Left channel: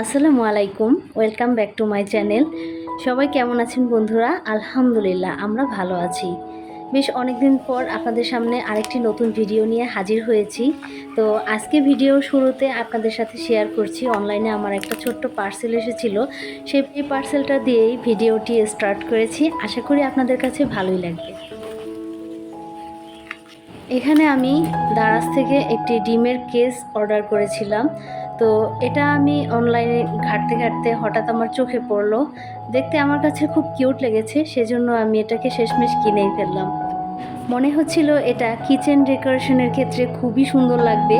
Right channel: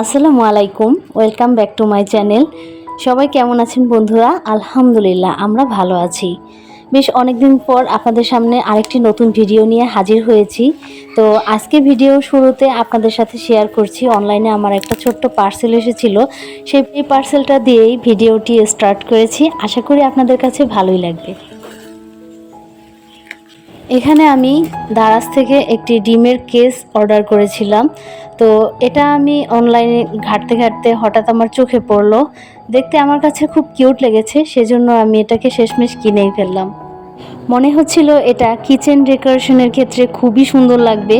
আসসালামু আলাইকুম, welcome back to my channel. সবাই কেমন আছেন বন্ধুরা? আলহামদুলিল্লাহ, আমরা ভালো আছি। বেশ অনেক দিন পর আপনাদের সামনে আরেকটি নতুন ভিডিও নিয়ে হাজির হয়েছি। তো আজকে ভিডিও শুরুতে আপনাদের সাথে শেয়ার করছি। অনলাইনে আমার একটা ছোট্ট পার্সেল এসেছিল। সেই পার্সেলটা দিয়েই ভিডিওটি স্টার্ট করেছি। আশা করি আপনাদের কাছে ভালোই লাগবে। এখানে আমি দারাজ থেকে একটি ডিমের কেস অর্ডার করেছিলাম। তো এটা আমি অনলাইনে ঘাটতে ঘাটতে হঠাৎ আমার চোখে পড়ল। দেখতে আমার কাছে খুব কিউট লেগেছে, সেজন্য আমি এটাকে শেষমেশ কিনেই ফেললাম। মনে হচ্ছিল এটা কিচেন ডেকোরেশনের ক্ষেত্রে খুবই সুন্দর লাগবে,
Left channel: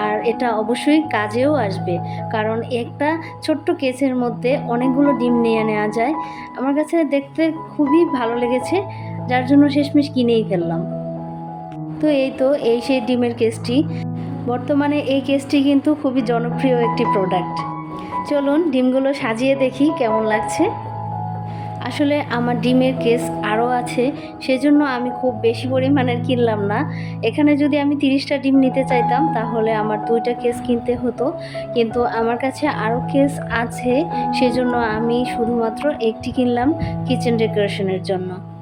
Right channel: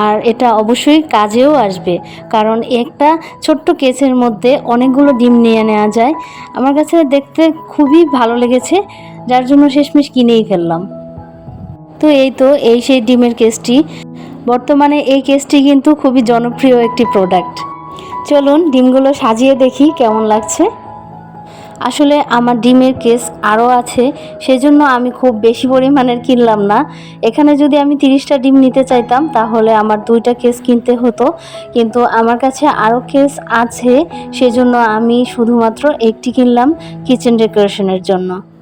আর এটা অবশ্যই কাজেও আসবে, কারণ একটা ছোট্ট কেসের মধ্যে অনেকগুলো ডিম নিয়ে নেওয়া যায়। আমার কাছে দেখতে খুবই ভালো লেগেছে, যার জন্য শেষমেশ কিনেই ফেললাম। তো এই তো, এই সেই ডিমের কেসটি বর্তমানে এই কেসটি কিন্তু খুবই জনপ্রিয় একটি প্রোডাক্ট চলুন ডিমগুলো সাজিয়ে দেখি কেমন লাগছে। আসলে আমার ডিমের কেস আরও আছে, সেজন্য আমি খুব বেশি পরিমাণের কিনলাম না। এখানে যদি আমি তিরিশটা ডিম নিতে চাইতাম, তাহলে আমার দুইটা কেস কিনতে হতো। কিন্তু আমার কাছে আরও কেস আছে, সেজন্য আমি শুধুমাত্র একটি কিনলাম কিচেন ডেকোরেশনের জন্য।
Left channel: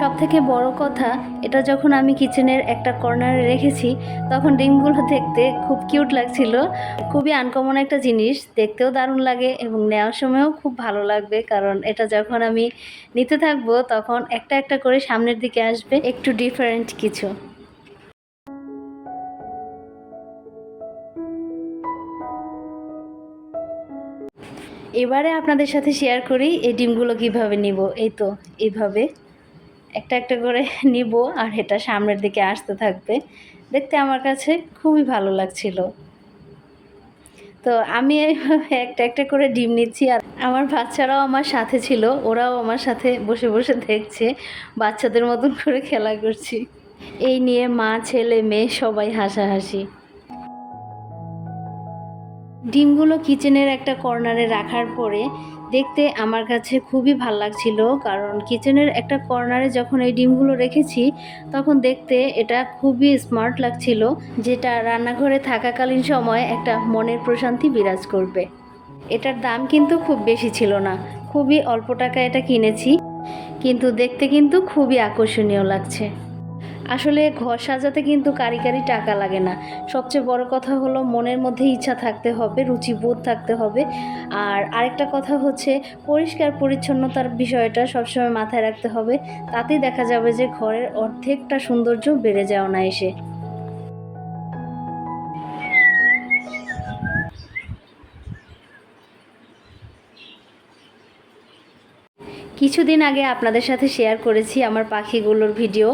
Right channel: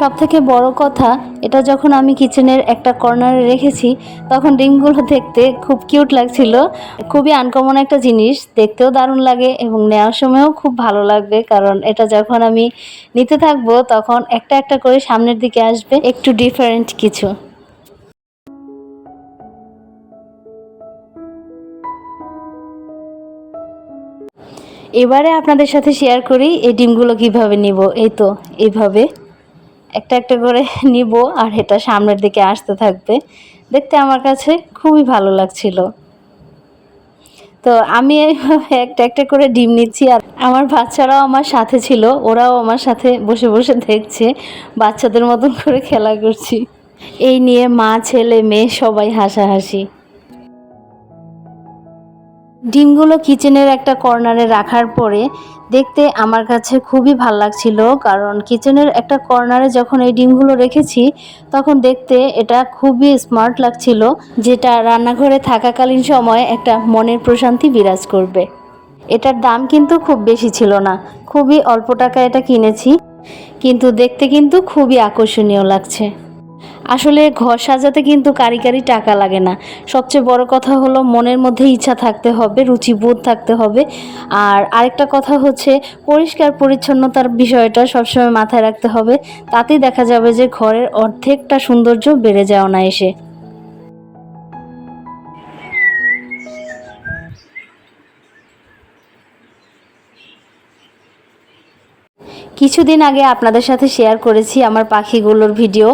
সব থেকে বড় কথা, এটা যখন আমি কিচেনের একটা কর্নারে রেখেছি, তখন ডিমগুলো দেখতে খুব কিউট লাগছিল। খুবই আনকমন একটা জিনিস, দেখতেও দারুণ লাগে এবং নেওয়ার সময়ও খুব ভালো লাগবে, কারণ এটা যখন আমি নিতে থাকব, তখন একটা একটা করে সামনের দিকে আসবে, একটু ডিফারেন্ট কিছু। এবারে আপনাদের সাথে শেয়ার করি, এই ডিমগুলো কীভাবে নিব, এই তো, এইভাবে। একটা একটা করে নিব আর এটা সামনের দিকে আসতে থাকবে। দেখতে আমার কাছে খুবই ভালো লাগছিল। তো আমি একটা একটা করে ডিম নিচ্ছি আর আমার বাচ্চারাও আমার সাথে ছিল, ওরাও আমার সাথে বসে বসে দেখছে, বাচ্চাদের মতন করে খেলা করছি। এই নিয়ে মা, ছেলে, মেয়ে সবাই হাসাহাসি। ডিমগুলো কিচেনের একটা কর্নারে রাখার পরে দেখতে আমার কাছে খুবই ভালো লাগছিল, কারণ কিচেনের একটা কর্নারে যখন এই ডিমগুলো রেখেছি, তখন দেখতে এটা খুবই স্মার্ট লাগছিল, যেটা রান্নাঘরে থাকাকালীন সময় একটা মনের প্রশান্তি বিরাজ করবে। এটার দাম কিন্তু খুব বেশি ছিল না, খুবই অল্প টাকা এটা কিনেছি, কিন্তু দেখতে কিন্তু খুবই আকর্ষণীয় লাগছে। আসলে ঘর সাজাতে কিন্তু কারি কারি টাকা লাগে না। সবচেয়ে বড় কথা হলো মনের মধ্যে ইচ্ছা থাকতে হবে, রুচিবোধ থাকতে হবে। আর আরেকটা কথা হচ্ছে পরিষ্কার পরিচ্ছন্নতার বিষয়টা সবসময় মাথায় রাখতে হবে। তাতেই দেখা যাবে যে ঘরের অর্ধেকটা সৌন্দর্য বেড়ে যায় না কিছুদিন আগে আপনাদের সাথে শেয়ার করেছি আমার পাখিগুলোর ভিডিও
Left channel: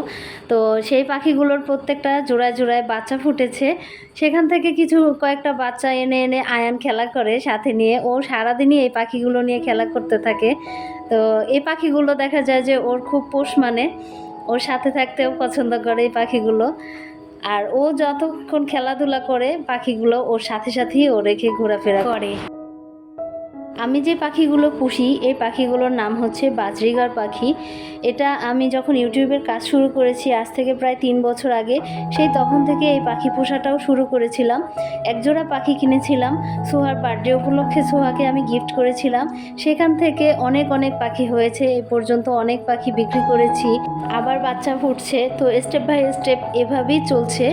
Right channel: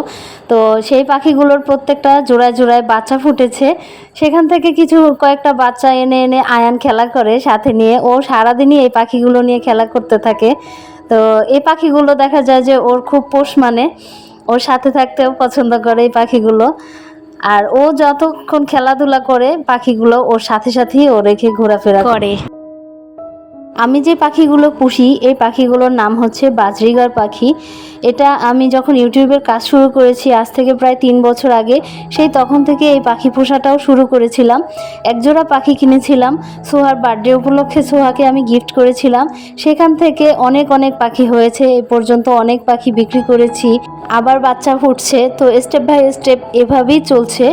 তো সেই পাখিগুলোর প্রত্যেকটা জোড়ায় জোড়ায় বাচ্চা ফুটেছে। সেখান থেকে কিছু কয়েকটা বাচ্চা এনে এনে আয়ান খেলা করে, সাথে নিয়ে ও সারাদিনই এই পাখিগুলো নিয়ে খেলা করতে থাকে। তো এই পাখিগুলো দেখা যায় যে ওর খুব পোষ মানে। ওর সাথে থাকতেও পছন্দ করে এই পাখিগুলো। আর ও যতক্ষণ খেলাধুলা করে, পাখিগুলো ওর সাথে সাথেই ও রেখে ঘোরাফেরা করে। আমি যে পাখিগুলো পুষি, এই পাখিগুলোর নাম হচ্ছে বাজরিগার পাখি। এটা আমি যখন ইউটিউবের কাজ শুরু করেছি, আজ থেকে প্রায় তিন বছর আগে, সেই তখন থেকে এই পাখি পোষাটাও শুরু করেছিলাম। একজোড়া পাখি কিনেছিলাম, সোহার বার্থডে উপলক্ষে সোহাকে আমি গিফট করেছিলাম। সেখান থেকে অনেক অনেক পাখি হয়েছে, এ পর্যন্ত অনেক পাখি বিক্রি করেছি। আবার বাচ্চা ফুটছে, তো স্টেপ বাই স্টেপ এভাবেই চলছে।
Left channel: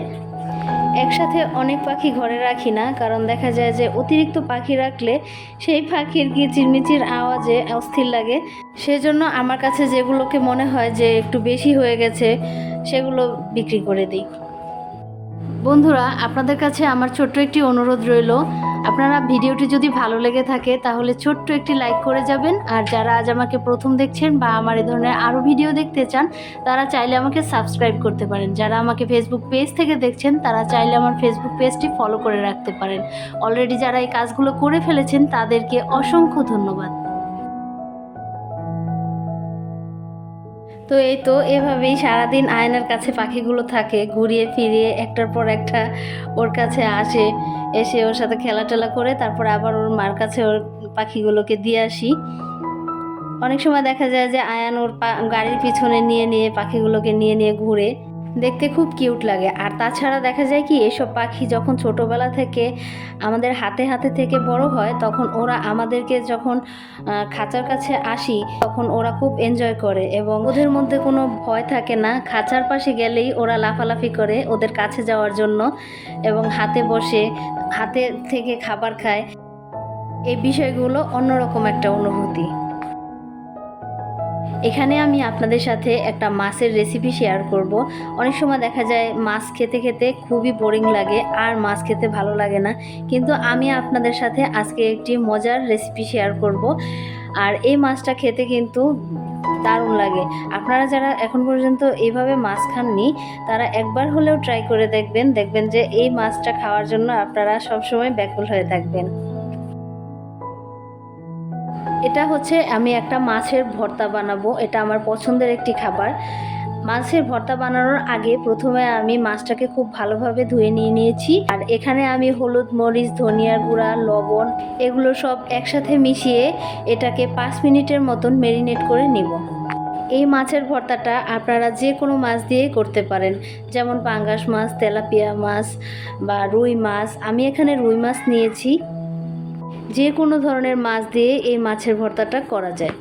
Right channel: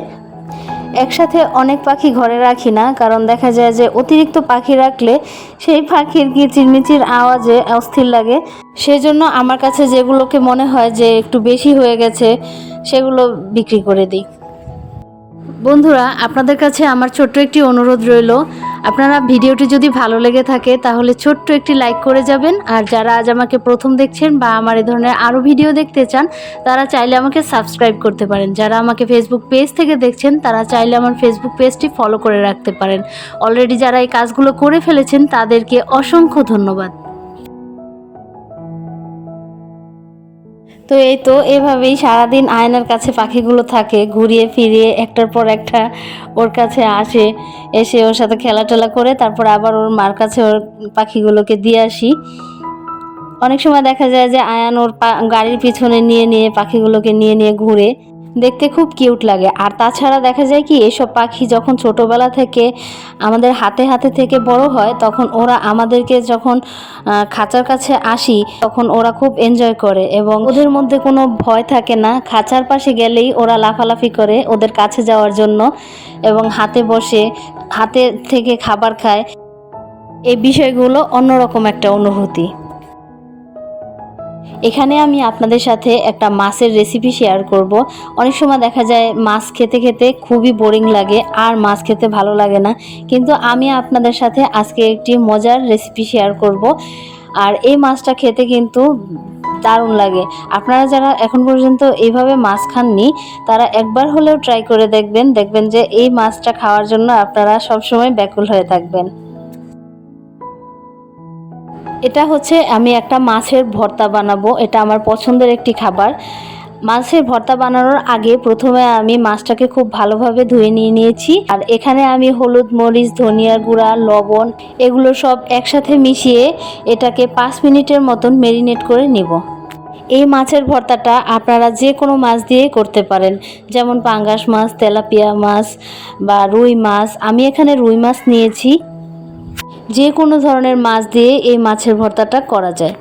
একসাথে অনেক পাখি ঘরে রাখি না, কারণ দেখা যায় যে অতিরিক্ত পাখি রাখলে সেই পাখির কিচিরমিচির আওয়াজে অস্থির লাগে। সেজন্য আমার কাছে যেগুলোকে মনে হয় যে একটু বেশি হয়ে গেছে, সেগুলো বিক্রি করে দিই। বন্ধুরা, আপনাদের কাছে আমার ছোট্ট একটি অনুরোধ রইল। আপনারা ভিডিওটি যদি ভালো লেগে থাকে, তাহলে ছোট্ট একটি লাইক করে যাবেন। আর যারা আজ আমাকে প্রথম দেখছেন বা আমার এই ধরনের আরও ভিডিও দেখতে চান, তারা চাইলে আমাকে সাবস্ক্রাইব করতে পারেন। যারা আমাকে ফেসবুক পেজ থেকে দেখছেন, তারা চাইলে আমার ফেসবুক পেজটি ফলো করে রাখতে পারেন। অলরেডি যারা এই কাজগুলো করে ফেলেছেন, তাদেরকে অসংখ্য ধন্যবাদ। তো এই তো এভাবেই সারাদিন আয়নার কাছে পাখিগুলো থাকে, ঘুরিয়ে ফিরিয়ে একটার পর একটা ওর কাছে আসে, এসে ওর সাথে খেলা টেলা করে তারপর আবার ওর মার কাছে ওর পাখিগুলোকে দিয়ে আসি। অনেক সময় দেখা যায় যে আয়ান ওর গাড়ির পিছনে নিয়ে নিয়ে পাখিগুলোকে নিয়ে নিয়ে ঘুরে। দেখতে খুব কিউট লাগে। আর তাছাড়া দেখা যায় কি, এসব পাখি যখন ছোটোবেলা থেকে আমাদের হাতে হাতে থেকে বড় হয়, তখন ওরা আমাদেরকে যখন খাঁচার কাছে আসি, তখন ওরা খুব এনজয় করে এবং ওদের মধ্যে কোনো ভয় থাকে না। খাঁচার পাশে গেলেই ওরা লাফালাফি করে ওদের কাছে যাওয়ার জন্য এবং হাতে বসে, হাতে থেকে খাবার খায়। এই বিষয়গুলো অন্যরকম একটা অনুভূতি। এখানে আমি আপনাদের সাথে একটা মাছের রেসিপি শেয়ার করব। অনেক সময় দেখা যায় মাছ খেতে খেতে খুবই বোরিং লাগে, আর মাছ খেতে ভালো লাগে না। কিন্তু আমি আপনাদের সাথে আজকে একটি মজার রেসিপি শেয়ার করব। আর এই মাছটা খেতে কিন্তু দারুণ লাগে। আপনারা যারা এখন পর্যন্ত এইভাবে মাছ খাননি, তারা একবার হলেও ট্রাই করে দেখবেন। দেখবেন যে এই মাছটা খাওয়ার জন্য আপনারা সবসময় ব্যাকুল হয়ে থাকবেন। এটা হচ্ছে আমি একটা মাছের ভর্তা বানাবো, এটা আমার পছন্দের একটি খাবার। মাছের ভর্তা বানানোর আগে প্রথমে আমি মাছটাকে খুব ভালোভাবে ধুয়ে নিয়ে নিয়েছি, আর এখানে আমি হলুদ, মরিচ ধনিয়ার গুঁড়া, লবণ এগুলো সব একসাথে মিশিয়ে এটাকে পাঁচ মিনিটের মতন মেরিনেট করে নিব। এই মাছের ভর্তাটা আপনারা যে কোনো মাছ দিয়ে করতে পারেন, যেমন পাঙ্গাস মাছ, তেলাপিয়া মাছ বা রুই মাছ। আমি এখানে রুই মাছ নিয়েছি। যে কোনো ধরনের মাছ দিয়ে এই মাছের ভর্তাটা করা যায়।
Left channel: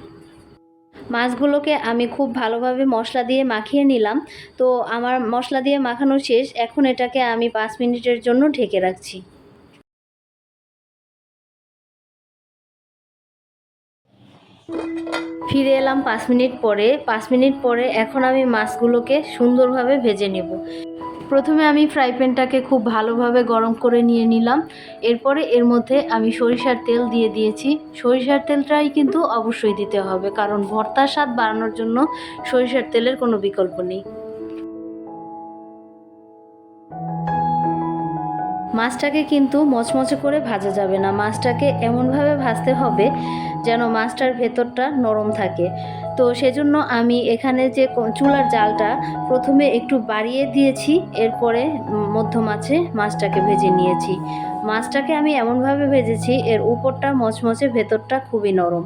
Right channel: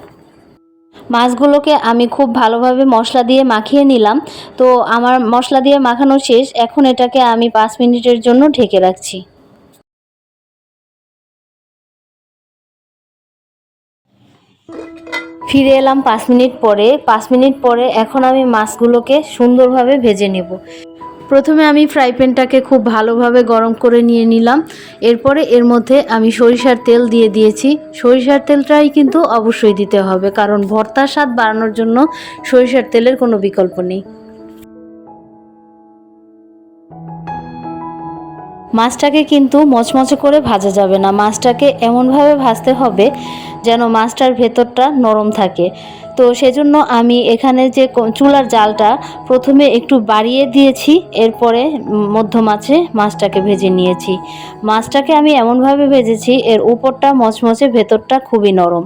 মাছগুলোকে আমি খুব ভালোভাবে মশলা দিয়ে মাখিয়ে নিলাম। তো আমার মশলা দিয়ে মাখানো শেষ, এখন এটাকে আমি পাঁচ মিনিটের জন্য ঢেকে রাখছি। ফিরে এলাম পাঁচ মিনিট পরে। পাঁচ মিনিট পরে এখন আমি মাছগুলোকে সুন্দরভাবে ভেজে নেব। প্রথমে আমি ফ্রাই প্যানটাকে খুব ভালোভাবে গরম করে নিয়ে নিলাম। এরপরে এর মধ্যে আমি সরিষার তেল দিয়ে দিয়েছি। সরিষার তেলটাই কিন্তু অবশ্যই দিতে হবে, কারণ ভর্তার স্বাদ বাড়ানোর জন্য সরিষার তেলের কোনো বিকল্প নেই। মাছটাকে কিন্তু মচমচে করে ভাজা যাবে না। মাছটাকে এমনভাবে ভাজতে হবে যেন মাছটার ভেতরটা নরম থাকে। তো সেজন্য আমি এখানে যে চুলার জালটা প্রথমে একটু বাড়িয়ে দিয়েছি এরপরে উম, মধ্যম আছে মাছটাকে ভেজে নিয়েছি। মাছটাকে আমি এমনভাবে ভেজেছি এর উপরটা মচমচে ভেতরটা খুবই নরম।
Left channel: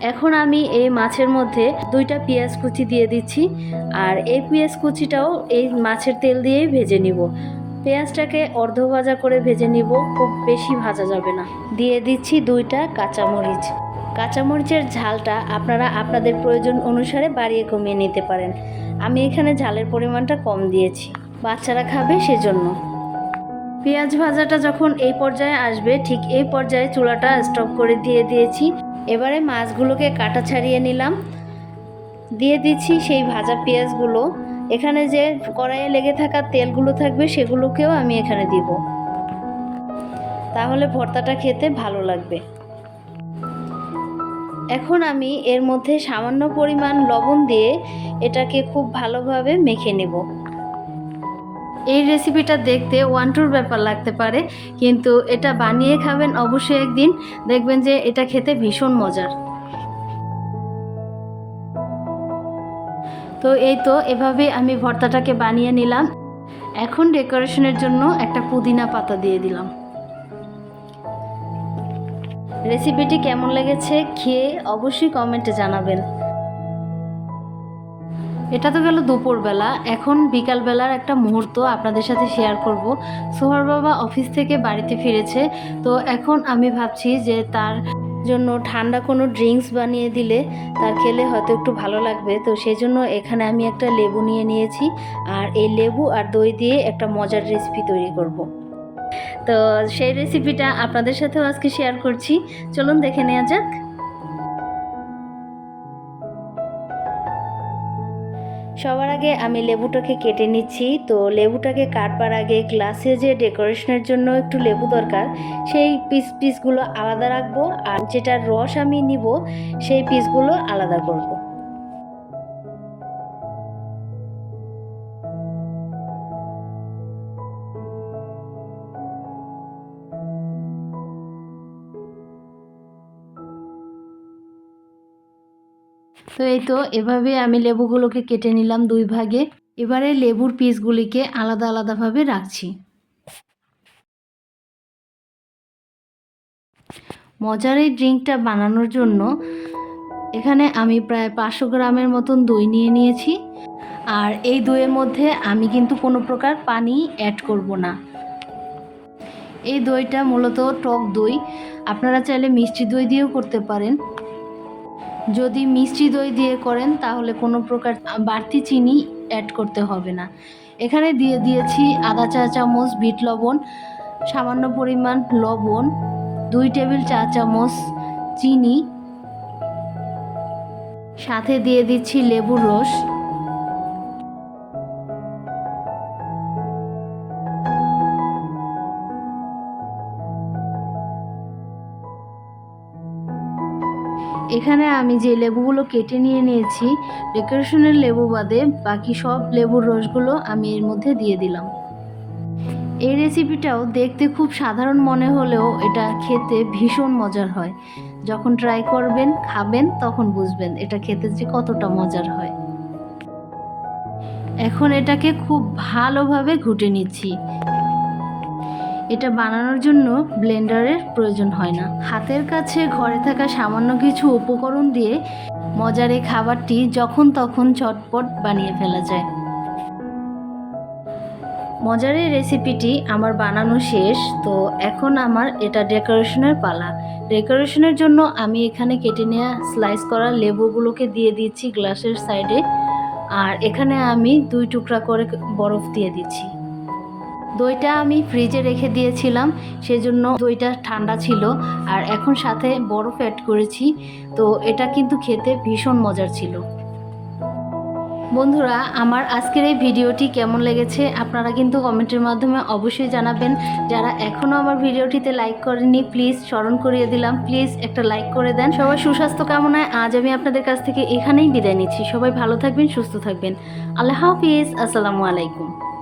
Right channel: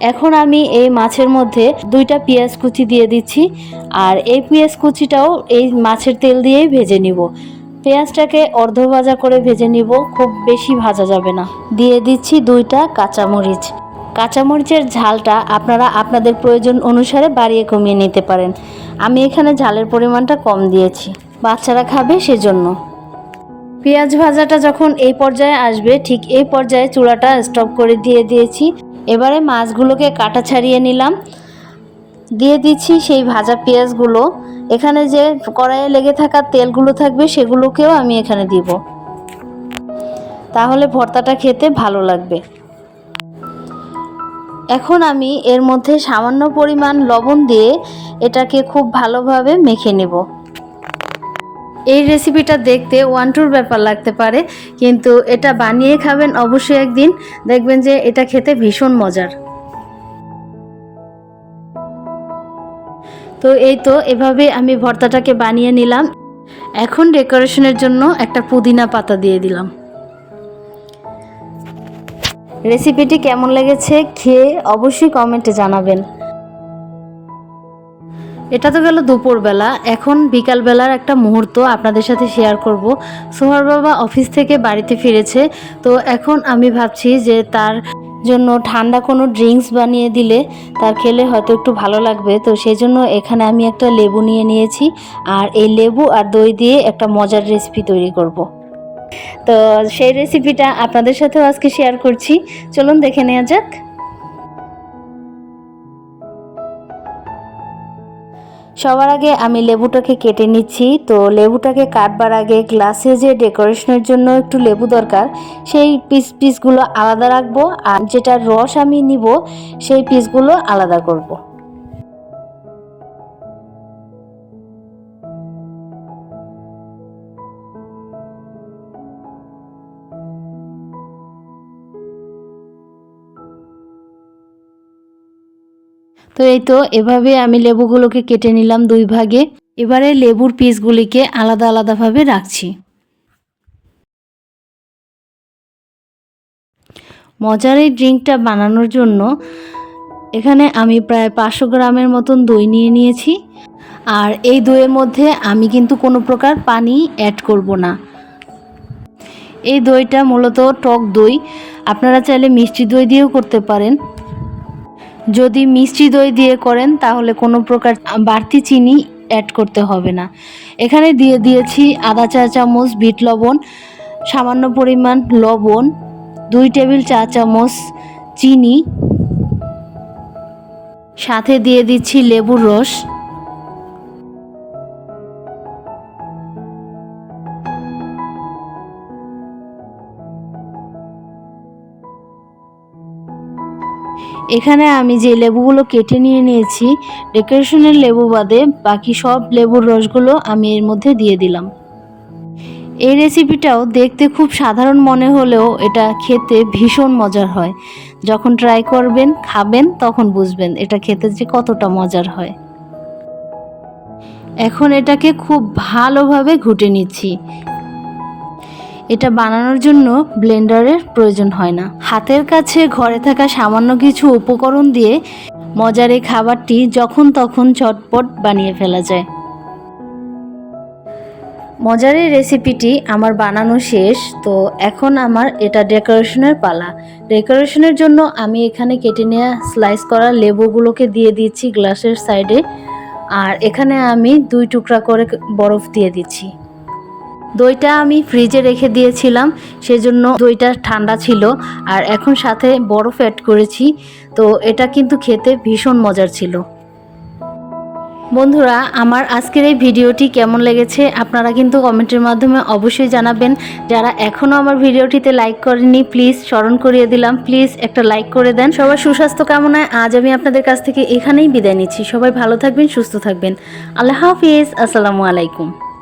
এখন আমি এই মাছের মধ্যে দুইটা পেঁয়াজ কুচি দিয়ে দিচ্ছি আর এই পেঁয়াজ কুচিটাও এই মাছের তেল দিয়েই ভেজে নিব। পেঁয়াজটাকে অর্ধ ভাজা করে ভেজে নিব, খুব বেশি ভাজা যাবে না। দিয়ে দিচ্ছি দুইটা কাঁচামরিচ। কাঁচামরিচের ঝালটা আপনারা আপনাদের প্রয়োজন অনুসারে বাড়িয়ে কমিয়ে নিতে পারেন। আমি এখানে ঝালের পরিমাণটা কম দিয়েছি। বাচ্চারা খাবে সেজন্য। পেঁয়াজ ভাজাটা যখন এই পর্যায়ে আসবে, ঠিক এই পর্যায়ে চুলাটা স্টপ করে দিয়ে দিয়েছি। এবারে মাছগুলোকে কাটা ছাড়িয়ে নিলাম। দিয়ে দিচ্ছি সেই ভাজা পেঁয়াজগুলো। এখানে যে কড়াইয়ে লেগে থাকা তেলগুলো থাকবে সেগুলোকেও আমি এখানে দিব। তাহলে ভর্তাটা খেতে ভালো লাগবে। এখন আমি এর মধ্যে সামান্য পরিমাণ লবণ দিয়ে এটাকে খুব ভালোভাবে মেখে নেব। এই রেসিপিটা দেখতে ওয়ান টুর ব্যাপার লাগতে পারে, কিন্তু এটা বানিয়ে খাবেন অবশ্যই একদিন। দেখবেন যে এটা খেতে ভীষণ মজার। তো এই তো, এভাবে আমি ভর্তাটাকে বানিয়ে নিলাম। এখন ডেকোরেশনের জন্য একটা পুদিনা পাতা দিয়ে দিলাম। রেসিপিটি কেমন লেগেছে খেয়ে অবশ্যই কমেন্টে জানাবেন। এটা তো গেল দুপুরবেলা। এখন বিকালবেলার একটা মুহূর্ত আপনাদের সাথে শেয়ার করব। সোহার বাবা অফিস থেকে বাড়িতে ফিরেছে। তো এখন আমি ভাবছি যে তার জন্য ঠান্ডা কোনো ড্রিঙ্কস বানিয়ে দিলে তার খেলে হয়তো একটু ভালো লাগবে। তো সেই জন্য এখানে আমি একটা লেবু নিয়ে নিয়েছি আর এই লেবু আর দই দিয়ে একটা মজার রেসিপি তৈরি করব। তো সেই রেসিপিটা আপনাদের সাথেও আজকে শেয়ার করছি। চলুন দেখে নেওয়া যাক। সবার আগে আমি লেবুটাকে কেটে নিচ্ছি তো লেবুটাকে কাটবার আগে গ্লাসে যে ডেকোরেশনের জন্য একটু লেবু দরকার, সেই পিস পিসগুলো আলাদা রাখব আর যেটার রস আমি নিব, সেই পিসগুলো আলাদা করব। তো এই তো, এভাবে আমি লেবুগুলোকে কেটে নিলাম দুই ভাগে। এবারে লেবুর পিসগুলিকে আলাদা আলাদাভাবে রাখছি। মজার এই ড্রিঙ্কটা বানানোর জন্য এখানে আমি প্রায় পাঁচশো গ্রামের মতন দই নিয়ে নিয়েছি। আর এই দইয়ের মধ্যে আমি কিন্তু কোনো প্রকার পানি অ্যাড করব না। এই দইটা মূলত টক দই। আপনারা চাইলে মিষ্টি দই দিয়েও করতে পারেন। যদি মিষ্টি দই দিয়ে করেন, তাহলে কোনো প্রকার বাড়তি চিনি অ্যাড করতে হবে না। এখানে দিয়ে দিয়েছি আধা চা চামচ বিট লবণ, সামান্য পরিমাণ লবণ, দুই টেবিল চা চামচ চিনি, সাথে দিয়ে দিচ্ছি লেবুর রস। এখানে আমি যে লেবুগুলো কেটে নিয়ে নিয়েছি ডেকোরেশনের লেবু বাদে বাকি সব লেবুর রসগুলো আমি এর মধ্যে দিয়ে দিলাম। এই রেসিপিটাও দেখতে খুব সাধারণ মনে হলেও এটা খেতে ভীষণ মজার হয়। যখন ট্রাই করবেন, খাবেন, তখন বুঝবেন এটা খেতে যে কতটা মজার হয়। এখন এটাকে খুব ভালোভাবে ঘুটে নিচ্ছি। এটা বানানোর জন্য ব্লেন্ডারের প্রয়োজন হয় না। হাতের কাছে ঘরে থাকা সামান্য কিছু উপকরণ দিয়ে মজার এই খাবারটি যখন তখন চটপট বানিয়ে ফেলা যায়। মজার এই রেসিপিটি আমার বানানো শেষ, তো এখন আমার এটা ডেকোরেশনের পালা। ডেকোরেশনের জন্য আমি এখানে কেটে নেওয়া স্লাইস করা লেবুগুলোকে দিয়ে দিচ্ছি গ্লাসের সাইডে আর এখানে আমি দুই টুকরা করে বরফ দিয়ে দিচ্ছি। দইটা আমি ফ্রিজে রেখে দিয়েছিলাম, সেজন্য দইটা ঠান্ডা ছিল, আর এখন সাথে বরফ অ্যাড করেছি, তো এটা কিন্তু খেতে ভীষণ মজার ছিল। বন্ধুরা, আমার আজকের এই ভিডিওটি কেমন লেগেছে আপনারা কিন্তু কমেন্টের মাধ্যমে অবশ্যই জানাবেন। যারা এখনও আমার ভিডিওটিতে লাইক করেনি প্লিজ স্মরণ করিয়ে দিলাম। প্লিজ একটা লাইক করে দেন। সবার সুস্বাস্থ্য কামনায় আজ আমি আপনাদের কাছ থেকে এখানেই বিদায় নিচ্ছি। সবাই ভালো থাকবেন, সুস্থ থাকবেন। আল্লাহ হাফিজ, আসসালামু আলাইকুম।